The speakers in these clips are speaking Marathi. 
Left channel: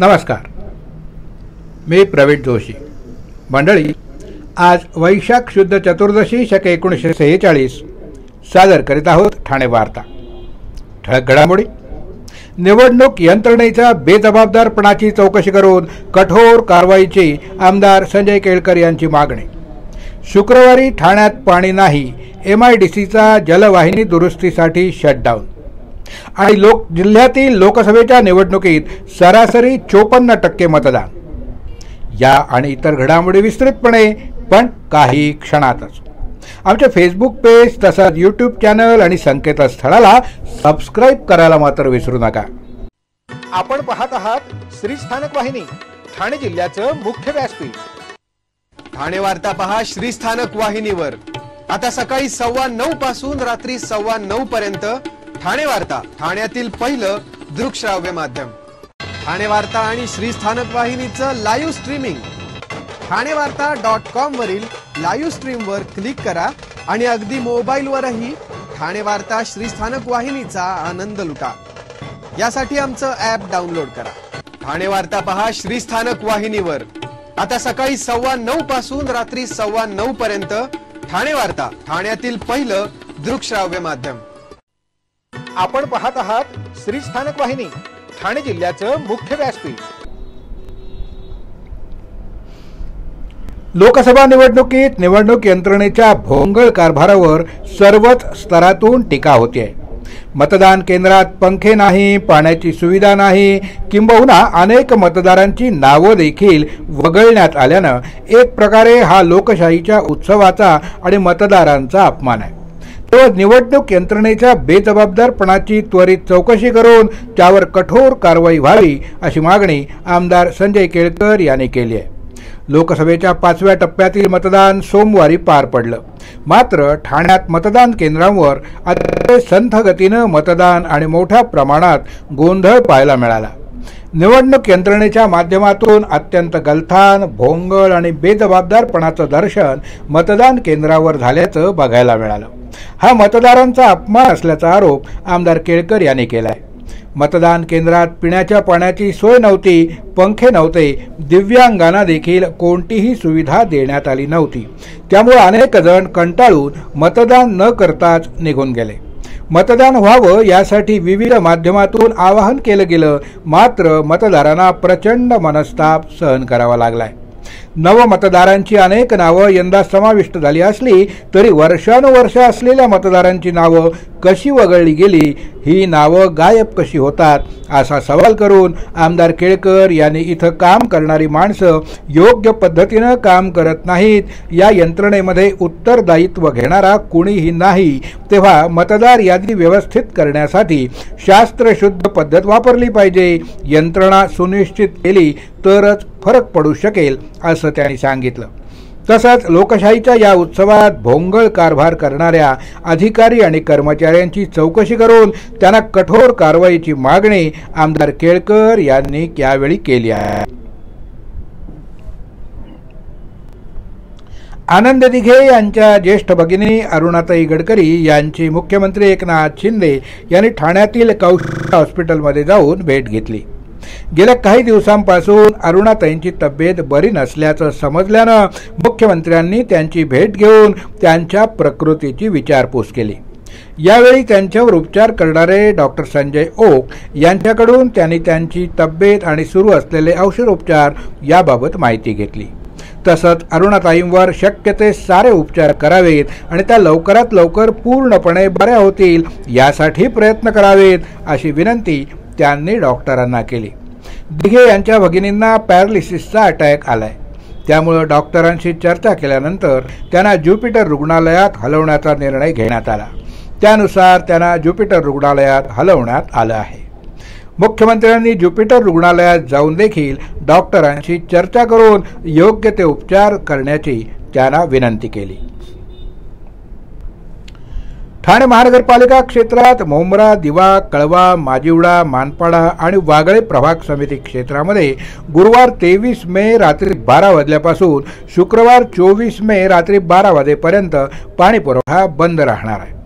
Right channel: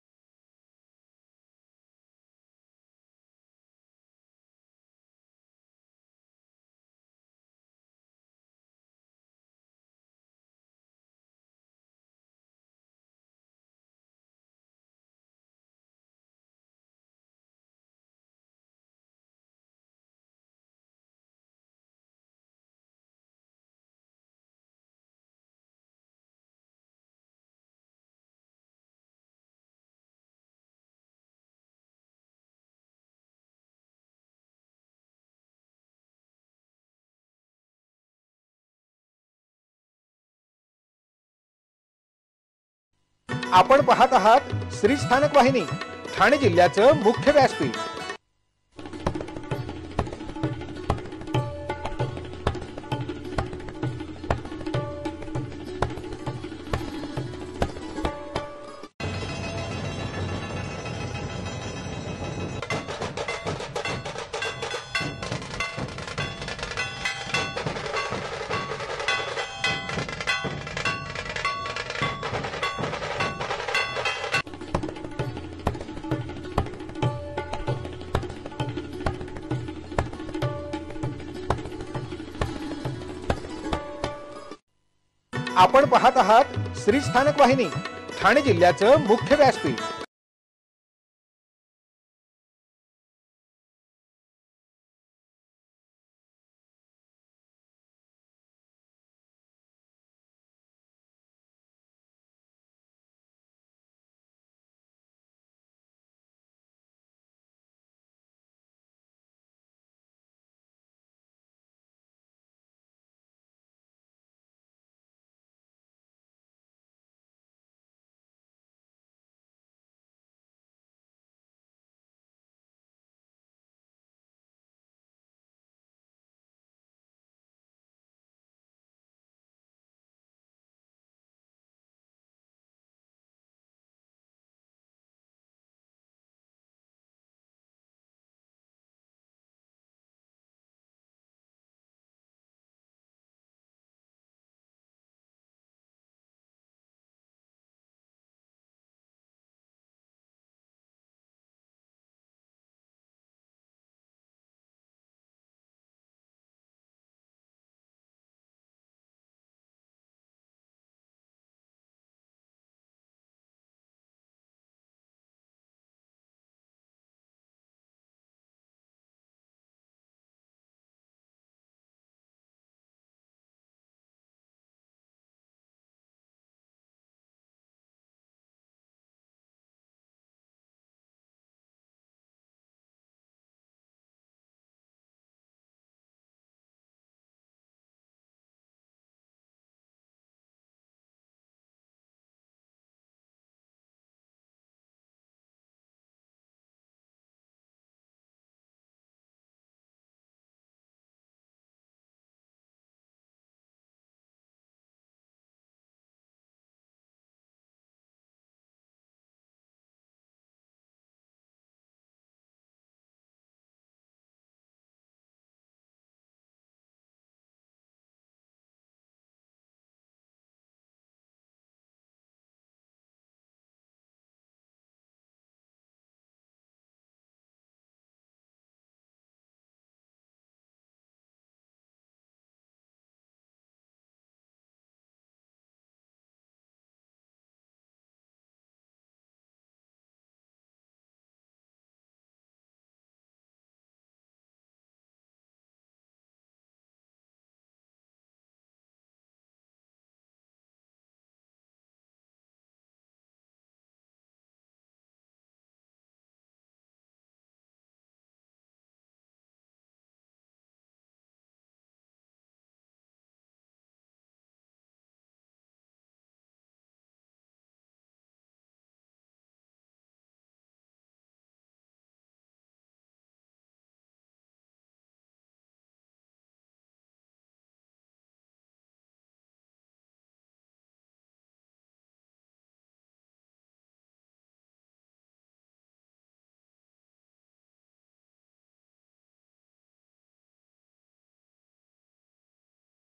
नमस्कार, मी प्रवीण जोशी. मंडळी, आज वैशाख शुद्ध चतुर्दशी शक 1946 सादर करीत आहोत ठाणे वार्ता. ठळक घडामोडी. निवडणूक यंत्रणेच्या बेजबाबदारपणाची चौकशी करून कठोर कारवाईची आमदार संजय केळकर यांची मागणी. शुक्रवारी ठाण्यात पाणी नाही, MIDCचा जलवाहिनी दुरुस्तीसाठी शटडाऊन. आणि जिल्ह्यातील लोकसभेच्या निवडणुकीत सरासरी 54% मतदान. या आणि इतर घडामोडी विस्तृतपणे, पण काही क्षणातच. आमचे फेसबुक पेज तसंच YouTube चॅनल आणि संकेतस्थळाला सबस्क्राईब करायला मात्र विसरू नका. आपण पाहत आहात श्रीस्थानक वाहिनी, ठाणे जिल्ह्याचं मुख्य व्यासपीठ. ठाणे वार्ता पहा श्रीस्थानक वाहिनीवर. आता सकाळी 9:15 पासून रात्री 9:15 पर्यंत ठाणे वार्ता, ठाण्यातील पहिलं दृकश्राव्य माध्यम. ठाणे वार्ता आणि श्रीस्थानक वाहिनीचं लाईव्ह स्ट्रीमिंग ठाणेवार्ता.com वरील लाईव्ह स्ट्रीमवर क्लिक करा आणि अगदी मोबाईलवरही ठाणे वार्ता श्रीस्थानक वाहिनीचा आनंद लुटा. यासाठी आमचं ॲप डाउनलोड करा. ठाणे वार्ता पहा श्रीस्थानक वाहिनीवर. आता सकाळी 9:15 पासून रात्री 9:15 पर्यंत ठाणे वार्ता, ठाण्यातील पहिलं दृकश्राव्य माध्यम. आपण पाहत आहात श्रीस्थानक वाहिनी, ठाणे जिल्ह्याचं मुख्य व्यासपीठ. लोकसभा निवडणुकीत निवडणूक यंत्रणेच्या भोंगळ कारभारावर सर्वच स्तरातून टीका होते. मतदान केंद्रात पंखे नाही, पाण्याची सुविधा नाही, किंबहुना अनेक मतदारांची नावं देखील वगळण्यात आल्यानं एक प्रकारे हा लोकशाहीच्या उत्सवाचा आणि मतदारांचा अपमान आहे. तेव्हा निवडणूक यंत्रणेच्या बेजबाबदारपणाची त्वरित चौकशी करून त्यावर कठोर कारवाई व्हावी अशी मागणी आमदार संजय केळकर यांनी केली आहे. लोकसभेच्या 5व्या टप्प्यातील मतदान सोमवारी पार पडलं. मात्र ठाण्यात मतदान केंद्रांवर अतिशय संथ गतीनं मतदान आणि मोठ्या प्रमाणात गोंधळ पाहायला मिळाला. निवडणूक यंत्रणेच्या माध्यमातून अत्यंत गलथान, भोंगळ आणि बेजबाबदारपणाचं दर्शन मतदान केंद्रावर झाल्याचं बघायला मिळालं. हा मतदारांचा अपमान असल्याचा आरोप आमदार केळकर यांनी केलाय. मतदान केंद्रात पिण्याच्या पाण्याची सोय नव्हती, पंखे नव्हते, दिव्यांगांना देखील कोणतीही सुविधा देण्यात आली नव्हती. त्यामुळे अनेक जण कंटाळून मतदान न करताच निघून गेले. मतदान व्हावं यासाठी विविध माध्यमातून आवाहन केलं गेलं, मात्र मतदारांना प्रचंड मनस्ताप सहन करावा लागलाय. नवमतदारांची अनेक नावं यंदा समाविष्ट झाली असली तरी वर्षानुवर्ष असलेल्या मतदारांची नावं कशी वगळली गेली, ही नावं गायब कशी होतात असा सवाल करून आमदार केळकर यांनी इथं काम करणारी माणसं योग्य पद्धतीनं काम करत नाहीत, या यंत्रणेमध्ये उत्तरदायित्व घेणारा कुणीही नाही, तेव्हा मतदार यादी व्यवस्थित करण्यासाठी शास्त्रशुद्ध पद्धत वापरली पाहिजे, यंत्रणा सुनिश्चित केली तरच फरक पडू शकेल असं त्यांनी सांगितलं. तसंच लोकशाहीच्या या उत्सवात भोंगळ कारभार करणाऱ्या अधिकारी आणि कर्मचाऱ्यांची चौकशी करून त्यांना कठोर कारवाईची मागणी आमदार केळकर यांनी यावेळी केली आहे. आनंद दिघे यांच्या ज्येष्ठ भगिनी अरुणाताई गडकरी यांची मुख्यमंत्री एकनाथ शिंदे यांनी ठाण्यातील कौशल हॉस्पिटलमध्ये जाऊन भेट घेतली. गेल्या काही दिवसांपासून अरुणाताईंची तब्येत बरी नसल्याचं समजल्यानं मुख्यमंत्र्यांनी त्यांची भेट घेऊन त्यांच्या प्रकृतीची विचारपूस केली. यावेळी त्यांच्यावर उपचार करणारे डॉक्टर संजय ओक यांच्याकडून त्यांनी त्यांची तब्येत आणि सुरू असलेले औषधोपचार याबाबत माहिती घेतली. तसंच अरुणाताईंवर शक्य ते सारे उपचार करावेत आणि त्या लवकरात लवकर पूर्णपणे बऱ्या होतील यासाठी प्रयत्न करावेत अशी विनंती त्यांनी डॉक्टरांना केली. दिघे यांच्या भगिनींना पॅरालिसिसचा अटॅक आलाय. त्यामुळे डॉक्टरांशी चर्चा केल्यानंतर त्यांना ज्युपिटर रुग्णालयात हलवण्याचा निर्णय घेण्यात आला. त्यानुसार त्यांना ज्युपिटर रुग्णालयात हलवण्यात आलं आहे. मुख्यमंत्र्यांनी ज्युपिटर रुग्णालयात जाऊन देखील डॉक्टरांशी चर्चा करून योग्य ते उपचार करण्याची त्यांना विनंती केली. ठाणे महानगरपालिका क्षेत्रात मुंब्रा, दिवा, कळवा, माजिवडा, मानपाडा आणि वागळे प्रभाग समिती क्षेत्रामध्ये गुरुवार 23 मे रात्री 12 वाजल्यापासून शुक्रवार 24 मे रात्री 12 वाजेपर्यंत पाणी पुरवठा बंद राहणार आहे.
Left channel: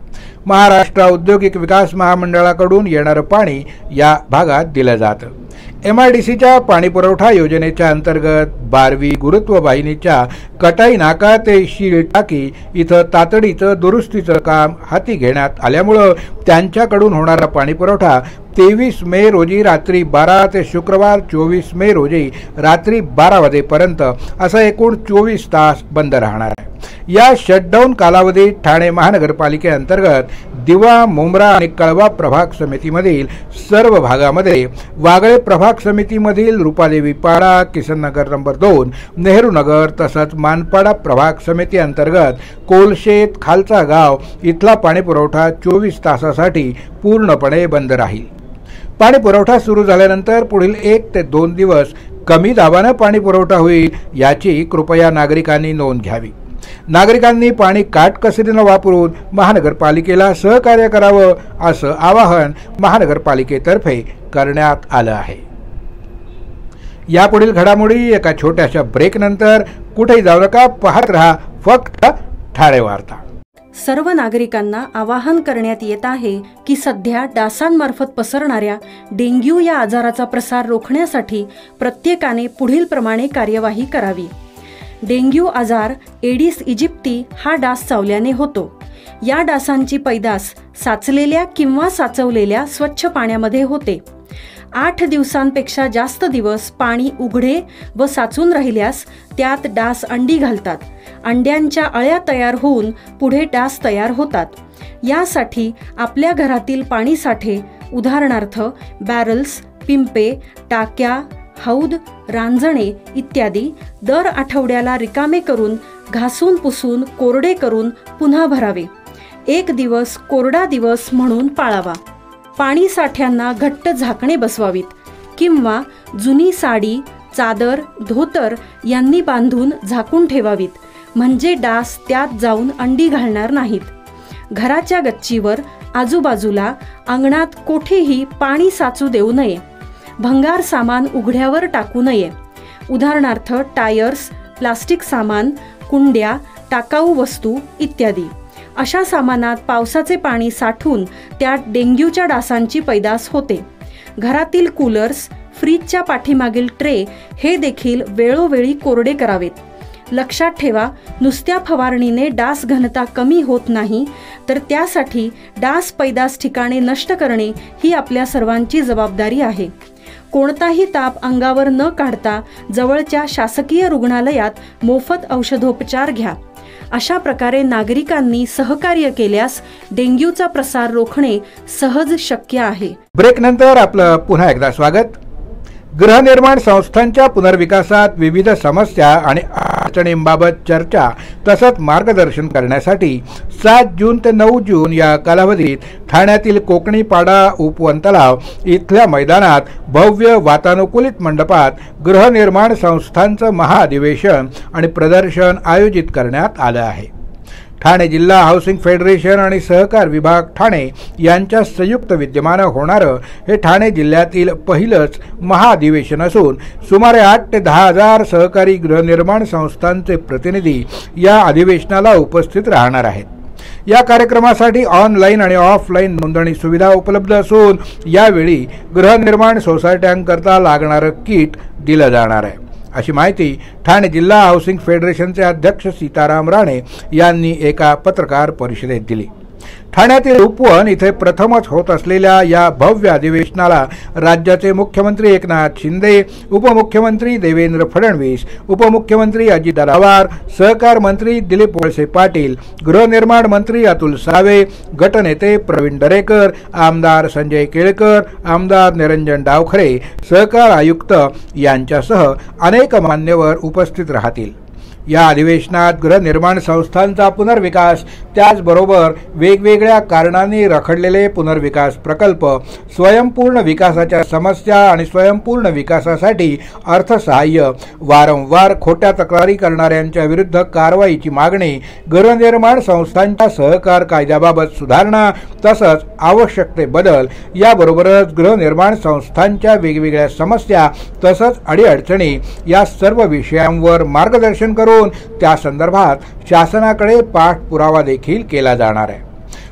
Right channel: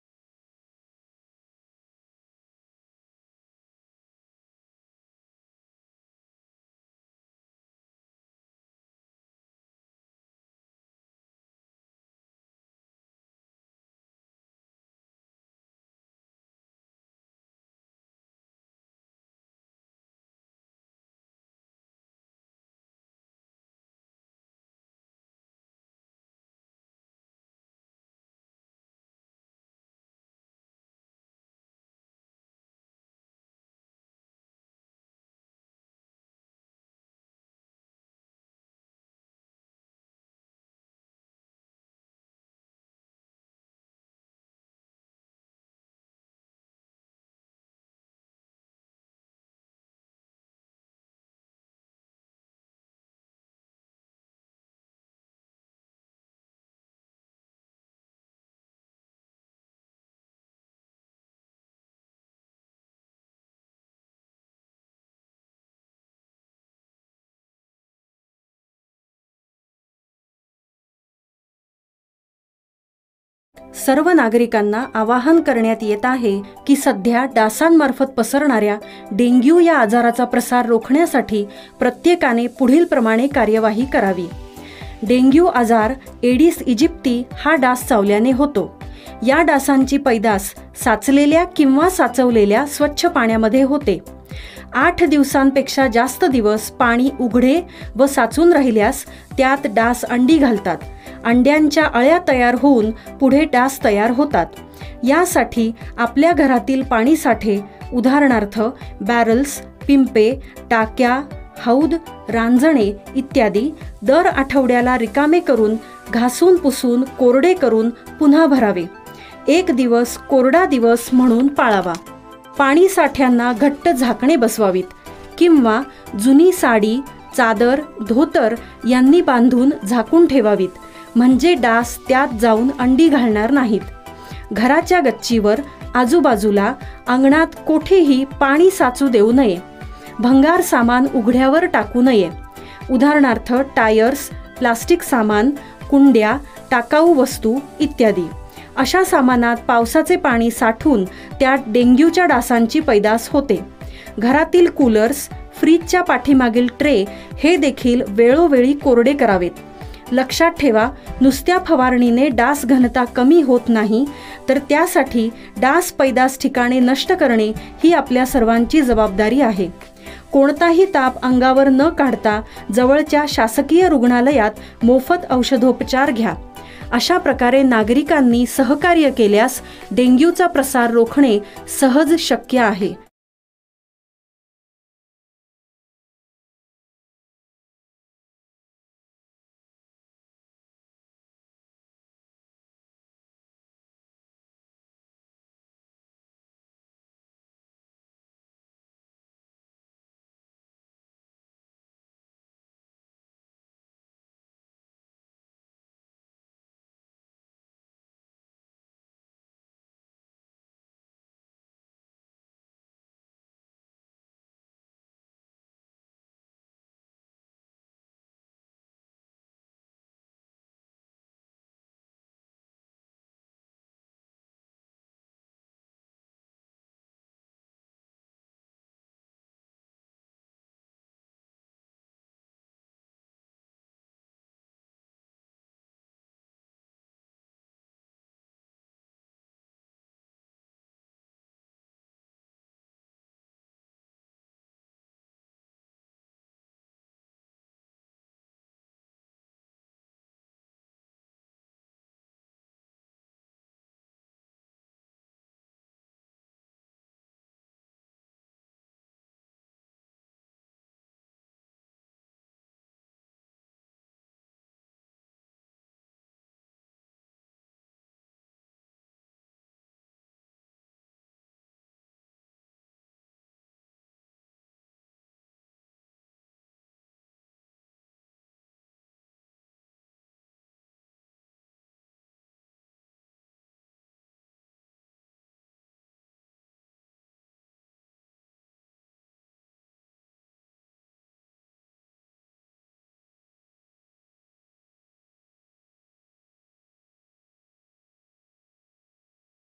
महाराष्ट्र औद्योगिक विकास महामंडळाकडून येणारं पाणी या भागात दिलं जातं. MIDCच्या पाणीपुरवठा योजनेच्या अंतर्गत 12वी गुरुत्व वाहिनीच्या कटाई नाका ते शीळ टाकी इथं तातडीचं दुरुस्तीचं काम हाती घेण्यात आल्यामुळं त्यांच्याकडून होणारा पाणीपुरवठा 23 मे रोजी रात्री 12 ते शुक्रवार 24 मे रोजी रात्री 12 वाजेपर्यंत असं एकूण 24 तास बंद राहणार आहे। या शटडाऊन कालावधीत ठाणे महानगरपालिकेअंतर्गत दिवा, मुंब्रा आणि कळवा प्रभाग समितीमधील सर्व भागामध्ये, वागळे प्रभाग समितीमधील रुपादेवी पाडा, किसननगर नंबर 2, नेहरू नगर तसंच मानपाडा प्रभाग समिती अंतर्गत कोलशेत, खालचा गाव इथला पाणीपुरवठा 24 तासासाठी पूर्णपणे बंद राहील। पाणीपुरवठा सुरू झाल्यानंतर पुढील 1 ते 2 दिवस कमी दाबाने पाणीपुरवठा होईल याची कृपया नागरिकांनी नोंद घ्यावी। नागरिकांनी पाणी काटकसरीने वापरून महानगरपालिकेला सहकार्य करावं असं आवाहन महानगरपालिकेतर्फे करण्यात आलं आहे। यापुढील घडामोडी एका छोट्याशा ब्रेक नंतर कुठेही जाऊ नका, पाहत रहा फक्त ठाणे वार्ता। सर्व नागरिकांना आवाहन करण्यात येत आहे की सध्या डासांमार्फत पसरणाऱ्या डेंग्यू या आजाराचा प्रसार रोखण्यासाठी प्रत्येकाने पुढील प्रमाणे कार्यवाही करावी। डेंग्यू आजार एडिस इजिप्ती हा डास चावल्याने होतो। या डासांची पैदास साचलेल्या किंवा साचवलेल्या स्वच्छ पाण्यामध्ये होते। 8 दिवसांपेक्षा जास्त दिवस पाणी उघडे व साचून राहिल्यास त्यात डास अंडी घालतात। अंड्यांच्या अळ्या तयार होऊन पुढे डास तयार होतात। यासाठी आपल्या घरातील पाणी साठे, उदाहरणार्थ बॅरल्स, पिंपे, टाक्या, हौद, रांजणे इत्यादी दर आठवड्याला रिकामे करून घासून पुसून कोरडे करून पुन्हा भरावे। 1 दिवस कोरडा दिवस म्हणून पाळावा। पाणी साठ्यांना घट्ट झाकणे बसवावीत किंवा जुनी साडी, चादर, धोतर यांनी बांधून झाकून ठेवावीत, म्हणजे डास त्यात जाऊन अंडी घालणार नाहीत। घराच्या गच्चीवर, आजूबाजूला, अंगणात कोठेही पाणी साचू देऊ नये। भंगार सामान उघड्यावर टाकू नये, उदाहरणार्थ टायर्स, प्लास्टिक सामान, कुंड्या, टाकाऊ वस्तू इत्यादी। अशा सामानात पावसाचे पाणी साठून त्यात डेंग्यूच्या डासांची पैदास होते। घरातील कूलर्स, फ्रीजच्या पाठीमागील ट्रे हे देखील वेळोवेळी कोरडे करावेत। लक्षात ठेवा, नुसत्या फवारणीने डास घनता कमी होत नाही, तर त्यासाठी डास पैदास ठिकाणे नष्ट करणे ही आपल्या सर्वांची जबाबदारी आहे। कोणताही ताप अंगावर न काढता जवळच्या शासकीय रुग्णालयात मोफत औषधोपचार घ्या। अशा प्रकारे नागरिकांनी सहकार्य केल्यास डेंग्यूचा प्रसार रोखणे सहज शक्य आहे। ब्रेक नंतर आपलं पुन्हा एकदा स्वागत। गृहनिर्माण संस्थांच्या पुनर्विकासात विविध समस्या आणि अडचणींबाबत चर्चा तसंच मार्गदर्शन करण्यासाठी 7 जून ते 9 जून या कालावधीत ठाण्यातील कोकणी पाडा उपवन तलाव इथल्या मैदानात भव्य वातानुकूलित मंडपात गृहनिर्माण संस्थांचं महाअधिवेशन आणि प्रदर्शन आयोजित करण्यात आलं आहे। ठाणे जिल्हा हाऊसिंग फेडरेशन आणि सहकार विभाग ठाणे यांच्या संयुक्त विद्यमाने होणारं हे ठाणे जिल्ह्यातील पहिलंच महाअधिवेशन असून सुमारे 8 ते 10 हजार सहकारी गृहनिर्माण संस्थांचे प्रतिनिधी या अधिवेशनाला उपस्थित राहणार आहेत। या कार्यक्रमासाठी ऑनलाईन आणि ऑफलाईन नोंदणी सुविधा उपलब्ध असून यावेळी गृहनिर्माण सोसायट्यांकरता लागणारं किट दिलं जाणार आहे, अशी माहिती ठाणे जिल्हा हाऊसिंग फेडरेशनचे अध्यक्ष सीताराम राणे यांनी एका पत्रकार परिषदेत दिली। ठाण्यातील उपवन इथे प्रथमच होत असलेल्या या भव्य अधिवेशनाला राज्याचे मुख्यमंत्री एकनाथ शिंदे, उपमुख्यमंत्री देवेंद्र फडणवीस, उपमुख्यमंत्री अजितदादा पवार, सहकार मंत्री दिलीप वळसे पाटील, गृहनिर्माण मंत्री अतुल सावे, गटनेते प्रवीण दरेकर, आमदार संजय केळकर, आमदार निरंजन डावखरे, सहकार आयुक्त यांच्यासह अनेक मान्यवर उपस्थित राहतील। या अधिवेशनात गृहनिर्माण संस्थांचा पुनर्विकास, त्याचबरोबर वेगवेगळ्या कारणांनी रखडलेले पुनर्विकास प्रकल्प, स्वयंपूर्ण विकासाच्या समस्या आणि स्वयंपूर्ण विकासासाठी अर्थसहाय्य, वारंवार खोट्या तक्रारी करणाऱ्यांच्या विरुद्ध कारवाईची मागणी, गृहनिर्माण संस्थांच्या सहकार कायद्याबाबत सुधारणा तसंच आवश्यक ते बदल, याबरोबरच गृहनिर्माण संस्थांच्या वेगवेगळ्या समस्या तसंच अडीअडचणी या सर्व विषयांवर मार्गदर्शन करून त्या संदर्भात शासनाकडे पाठपुरावा देखील केला जाणार आहे।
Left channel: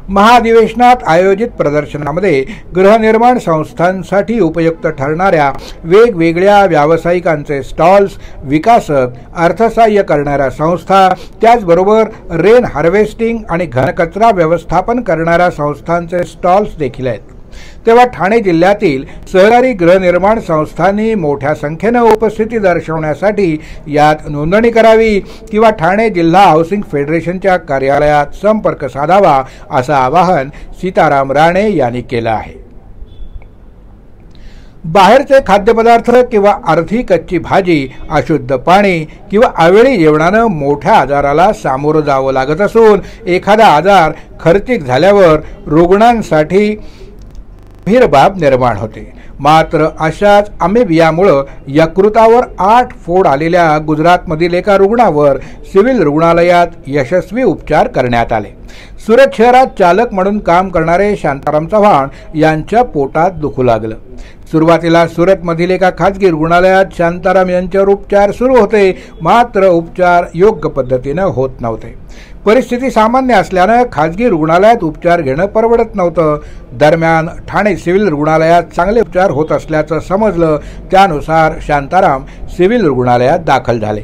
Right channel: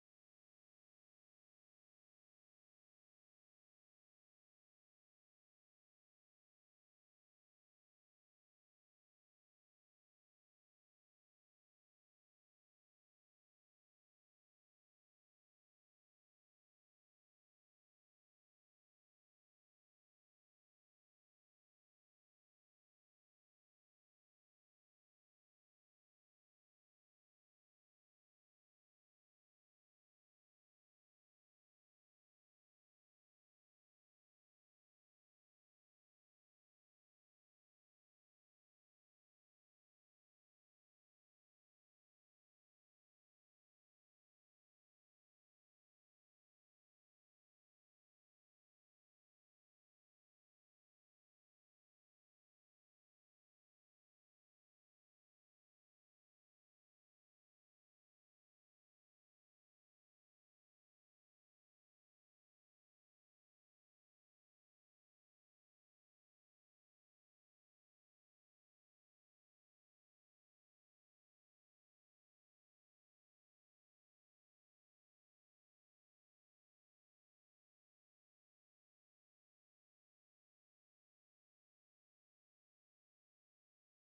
महाधिवेशनात आयोजित प्रदर्शनामध्ये गृहनिर्माण संस्थांसाठी उपयुक्त ठरणाऱ्या वेगवेगळ्या व्यावसायिकांचे स्टॉल्स, विकासक, अर्थसहाय्य करणाऱ्या संस्था, त्याचबरोबर रेन हार्वेस्टिंग आणि घनकचरा व्यवस्थापन करणाऱ्या संस्थांचे स्टॉल्स देखील आहेत। तेव्हा ठाणे जिल्ह्यातील सहकारी गृहनिर्माण संस्थांनी मोठ्या संख्येने उपस्थिती दर्शवण्यासाठी यात नोंदणी करावी किंवा ठाणे जिल्हा हाऊसिंग फेडरेशनच्या कार्यालयात संपर्क साधावा असं आवाहन सीताराम राणे यांनी केलं आहे। बाहेरचे खाद्यपदार्थ किंवा अर्धी कच्ची भाजी, अशुद्ध पाणी किंवा अवेळी जेवणानं मोठ्या आजाराला सामोरं जावं लागत असून एखादा आजार खर्चिक झाल्यावर रुग्णांसाठी भीरबाब निर्माण होते। मात्र अशाच अमेबियामुळे यकृतावर 8 फोड आलेल्या गुजरातमधील एका रुग्णावर सिव्हिल रुग्णालयात यशस्वी उपचार करण्यात आले। सुरत शहरात चालक म्हणून काम करणारे शांताराम चव्हाण यांच्या पोटात दुखू लागलं। सुरुवातीला सुरतमधील एका खाजगी रुग्णालयात शांताराम यांच्यावर उपचार सुरू होते, मात्र उपचार योग्य पद्धतीने होत नव्हते। परिस्थिती सामान्य असल्याने खाजगी रुग्णालयात उपचार घेणं परवडत नव्हतं। दरम्यान ठाणे सिव्हिल रुग्णालयात चांगले उपचार होत असल्याचं समजलं, त्यानुसार शांताराम सिव्हिल रुग्णालयात दाखल झाले।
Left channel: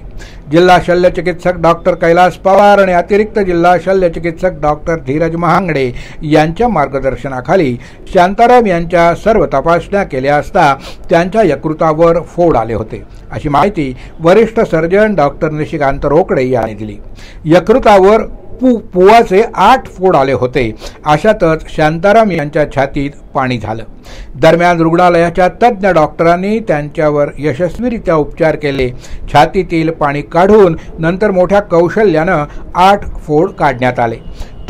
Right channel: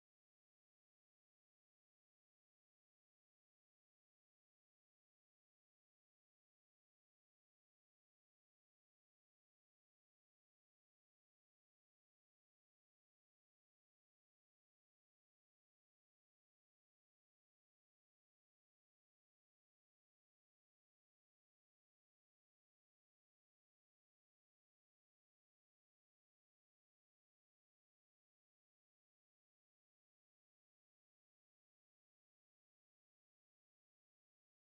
जिल्हा शल्यचिकित्सक डॉक्टर कैलास पवार आणि अतिरिक्त जिल्हा शल्यचिकित्सक डॉक्टर धीरज महांगडे यांच्या मार्गदर्शनाखाली शांताराम यांच्या सर्व तपासण्या केल्या असता त्यांच्या यकृतावर फोड आले होते, अशी माहिती वरिष्ठ सर्जन डॉक्टर निशिकांत रोकडे यांनी दिली। यकृतावर पुवाचे 8 फोड आले होते। अशातच शांताराम यांच्या छातीत पाणी झालं। दरम्यान रुग्णालयाच्या तज्ज्ञ डॉक्टरांनी त्यांच्यावर यशस्वीरित्या उपचार केले। छातीतील पाणी काढून नंतर मोठ्या कौशल्यानं 8 फोड काढण्यात आले।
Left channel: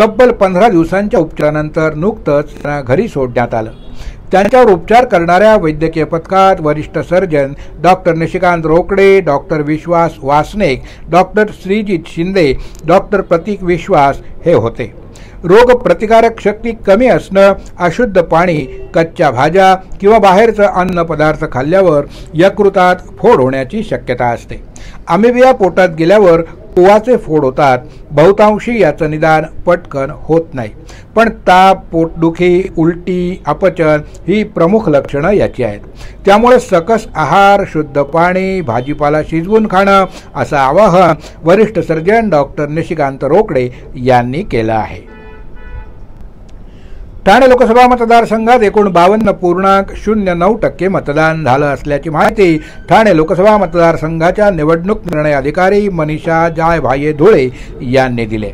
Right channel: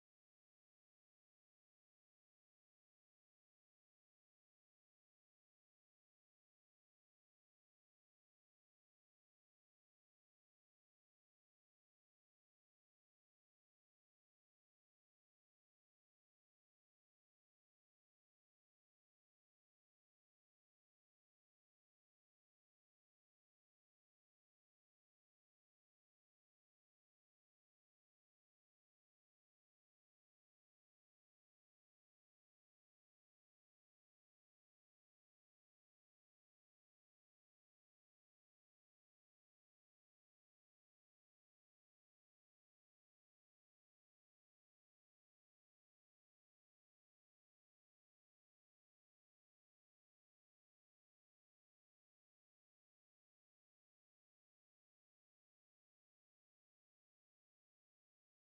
तब्बल 15 दिवसांच्या उपचारानंतर नुकतंच त्यांना घरी सोडण्यात आलं। त्यांच्यावर उपचार करणाऱ्या वैद्यकीय पथकात वरिष्ठ surgeon doctor Nishikant Rokade, doctor Vishwas Vasnek, doctor Shrijit Shinde, doctor Pratik Vishwas हे होते। रोग प्रतिकारक शक्ती कमी असणं, अशुद्ध पाणी, कच्च्या भाज्या किंवा बाहेरचं अन्न पदार्थ खाल्ल्यावर यकृतात फोड होण्याची शक्यता असते। अमेबिया पोटात गेल्यावर पुवाचे फोड होतात। बहुतांशी याचं निदान पटकन होत नाही, पण ताप, पोटदुखी, उलटी, अपचन ही प्रमुख लक्षणं याची आहेत। त्यामुळे सकस आहार, शुद्ध पाणी, भाजीपाला शिजवून खाणं असं आवाहन वरिष्ठ सर्जन डॉक्टर निशिकांत रोकडे यांनी केलं आहे। ठाणे लोकसभा मतदारसंघात एकूण 52.09% मतदान झालं असल्याची माहिती ठाणे लोकसभा मतदारसंघाच्या निवडणूक निर्णय अधिकारी मनीषा जायभाये धुळे यांनी दिले।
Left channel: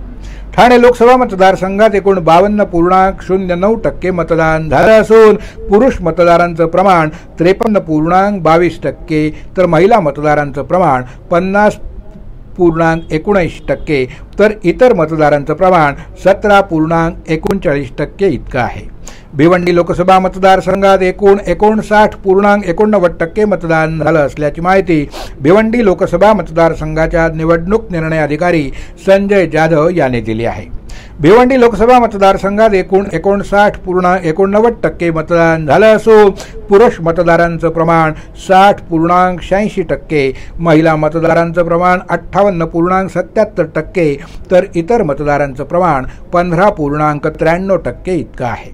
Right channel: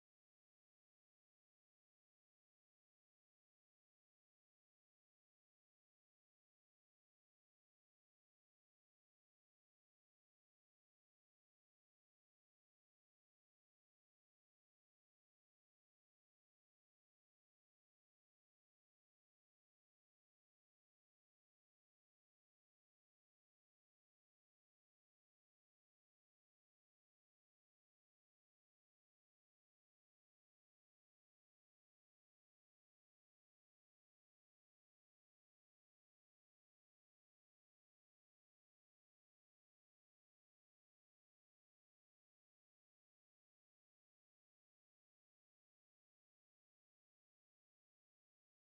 ठाणे लोकसभा मतदारसंघात एकूण 52.09% मतदान झालं असून पुरुष मतदारांचं प्रमाण 53.22%, तर महिला मतदारांचं प्रमाण 50.19%, तर इतर मतदारांचं प्रमाण 17.39% इतकं आहे। भिवंडी लोकसभा मतदारसंघात एकूण 59.89% मतदान झालं असल्याची माहिती भिवंडी लोकसभा मतदारसंघाच्या निवडणूक निर्णय अधिकारी संजय जाधव यांनी दिली आहे। भिवंडी लोकसभा मतदारसंघात एकूण 59.89% मतदान झालं असून पुरुष मतदारांचं प्रमाण 60.86%, महिला मतदारांचं प्रमाण 58.77%, तर इतर मतदारांचं प्रमाण 15.93% इतकं आहे।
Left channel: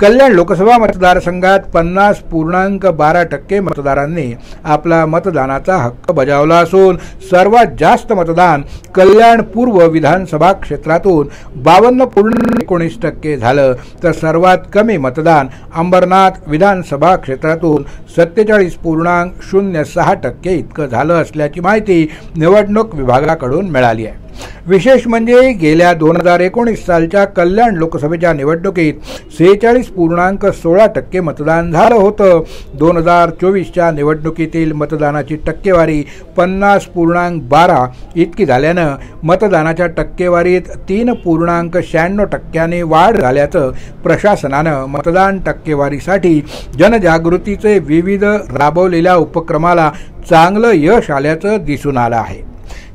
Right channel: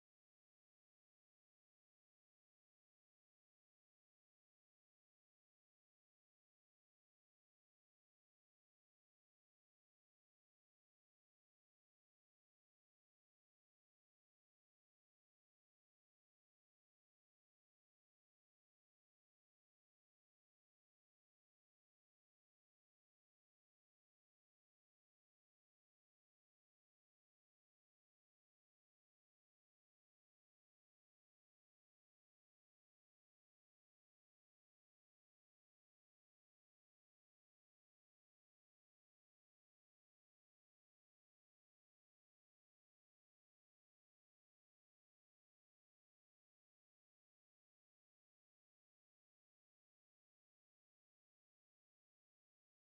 कल्याण लोकसभा मतदारसंघात 50.12% मतदारांनी आपला मतदानाचा हक्क बजावला असून सर्वात जास्त मतदान कल्याण पूर्व विधानसभा क्षेत्रातून 52.19% झालं, तर सर्वात कमी मतदान अंबरनाथ विधानसभा क्षेत्रातून 47.06% इतकं झालं असल्याची माहिती निवडणूक विभागाकडून मिळाली आहे। विशेष म्हणजे गेल्या 2019 सालच्या कल्याण लोकसभेच्या निवडणुकीत 46.16% मतदान झालं होतं। 2024च्या निवडणुकीतील मतदानाची टक्केवारी 50.12 इतकी झाल्यानं मतदानाच्या टक्केवारीत 3.96% वाढ झाल्याचं प्रशासनानं मतदान टक्केवारीसाठी जनजागृतीचे विविध राबवलेल्या उपक्रमाला चांगलं यश आल्याचं दिसून आलं आहे।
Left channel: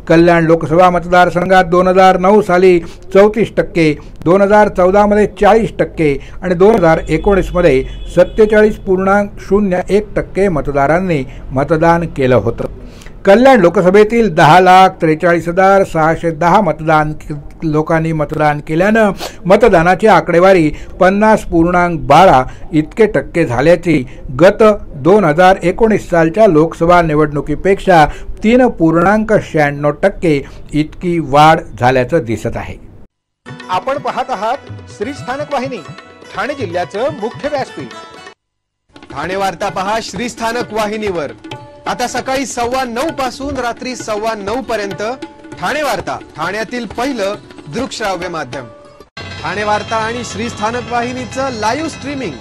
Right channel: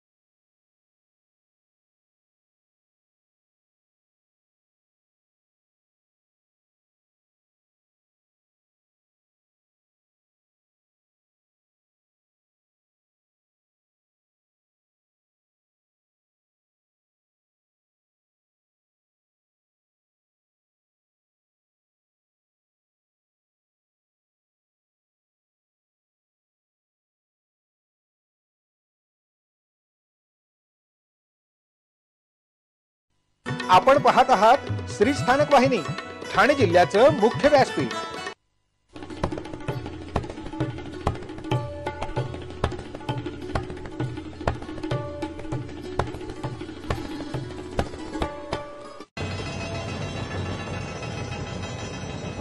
कल्याण लोकसभा मतदारसंघात 2009 साली 34%, 2014 मध्ये 40% आणि 2019 मध्ये 47.01% मतदारांनी मतदान केलं होतं। कल्याण लोकसभेतील 10,43,610 लोकांनी मतदान केल्यानं मतदानाची आकडेवारी 50.12 इतके टक्के झाल्याची गत 2019 सालच्या लोकसभा निवडणुकीपेक्षा 3.96% इतकी वाढ झाल्याचं दिसत आहे. आपण पाहत आहात श्री स्थानक वाहिनी, ठाणे जिल्ह्याचं मुख्य व्यासपीठ. ठाणे वार्ता पहा श्री स्थानक वाहिनीवर. आता सकाळी 9:15 पासून रात्री 9:15 पर्यंत ठाणे वार्ता, ठाण्यातील पहिलं दृकश्राव्य माध्यम. ठाणे वार्ता आणि श्री स्थानक वाहिनीचं लाईव्ह स्ट्रीमिंग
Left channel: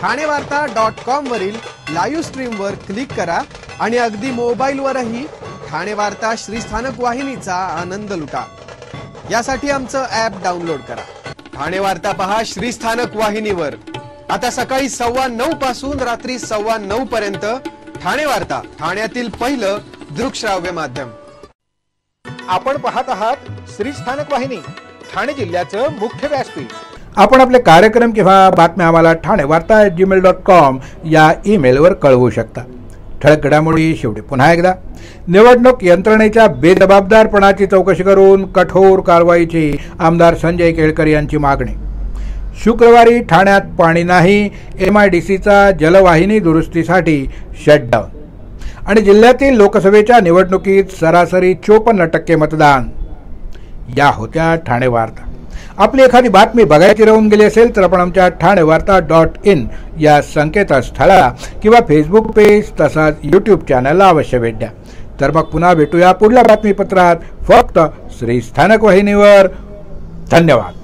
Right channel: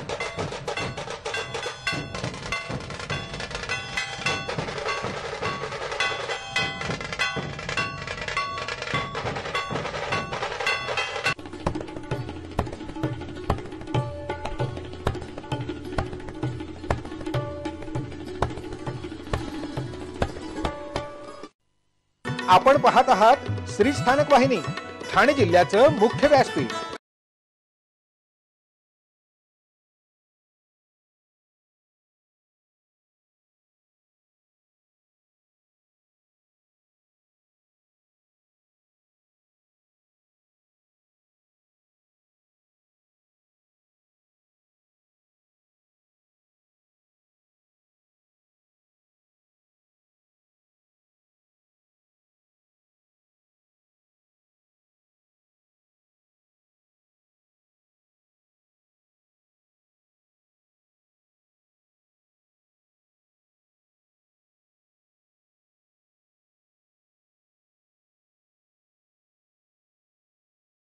ठाणेवार्ता.com वरील लाईव्ह स्ट्रीमवर क्लिक करा आणि अगदी मोबाईलवरही ठाणे वार्ता श्री स्थानक वाहिनीचा आनंद लुटा. यासाठी आमचं ॲप डाउनलोड करा. ठाणे वार्ता पहा श्री स्थानक वाहिनीवर. आता सकाळी 9:15 पासून रात्री 9:15 पर्यंत ठाणे वार्ता, ठाण्यातील पहिलं दृकश्राव्य माध्यम. आपण पाहत आहात श्री स्थानक वाहिनी, ठाणे जिल्ह्याचं मुख्य व्यासपीठ. आपण आपले कार्यक्रम किंवा बातम्या आम्हाला ठाणेवार्ता@gmail.com या ईमेलवर कळवू शकता. ठळक घडामोडी शेवटी पुन्हा एकदा. निवडणूक यंत्रणेच्या बेजबाबदारपणाची चौकशी करून कठोर कारवाईची आमदार संजय केळकर यांची मागणी. शुक्रवारी ठाण्यात पाणी नाही, MIDCचा जलवाहिनी दुरुस्तीसाठी शटडाऊन. आणि जिल्ह्यातील लोकसभेच्या निवडणुकीत सरासरी 54% मतदान. या होत्या ठाणे वार्ता. आपली एखादी बातमी बघायची राहून गेली असेल तर आपण आमच्या ठाणेवार्ता.in या संकेतस्थळाला किंवा फेसबुक पेज तसाच YouTube चॅनलला अवश्य भेट द्या. तर मग पुन्हा भेटूया पुढल्या बातमीपत्रात, फक्त श्री स्थानक वाहिनीवर. धन्यवाद.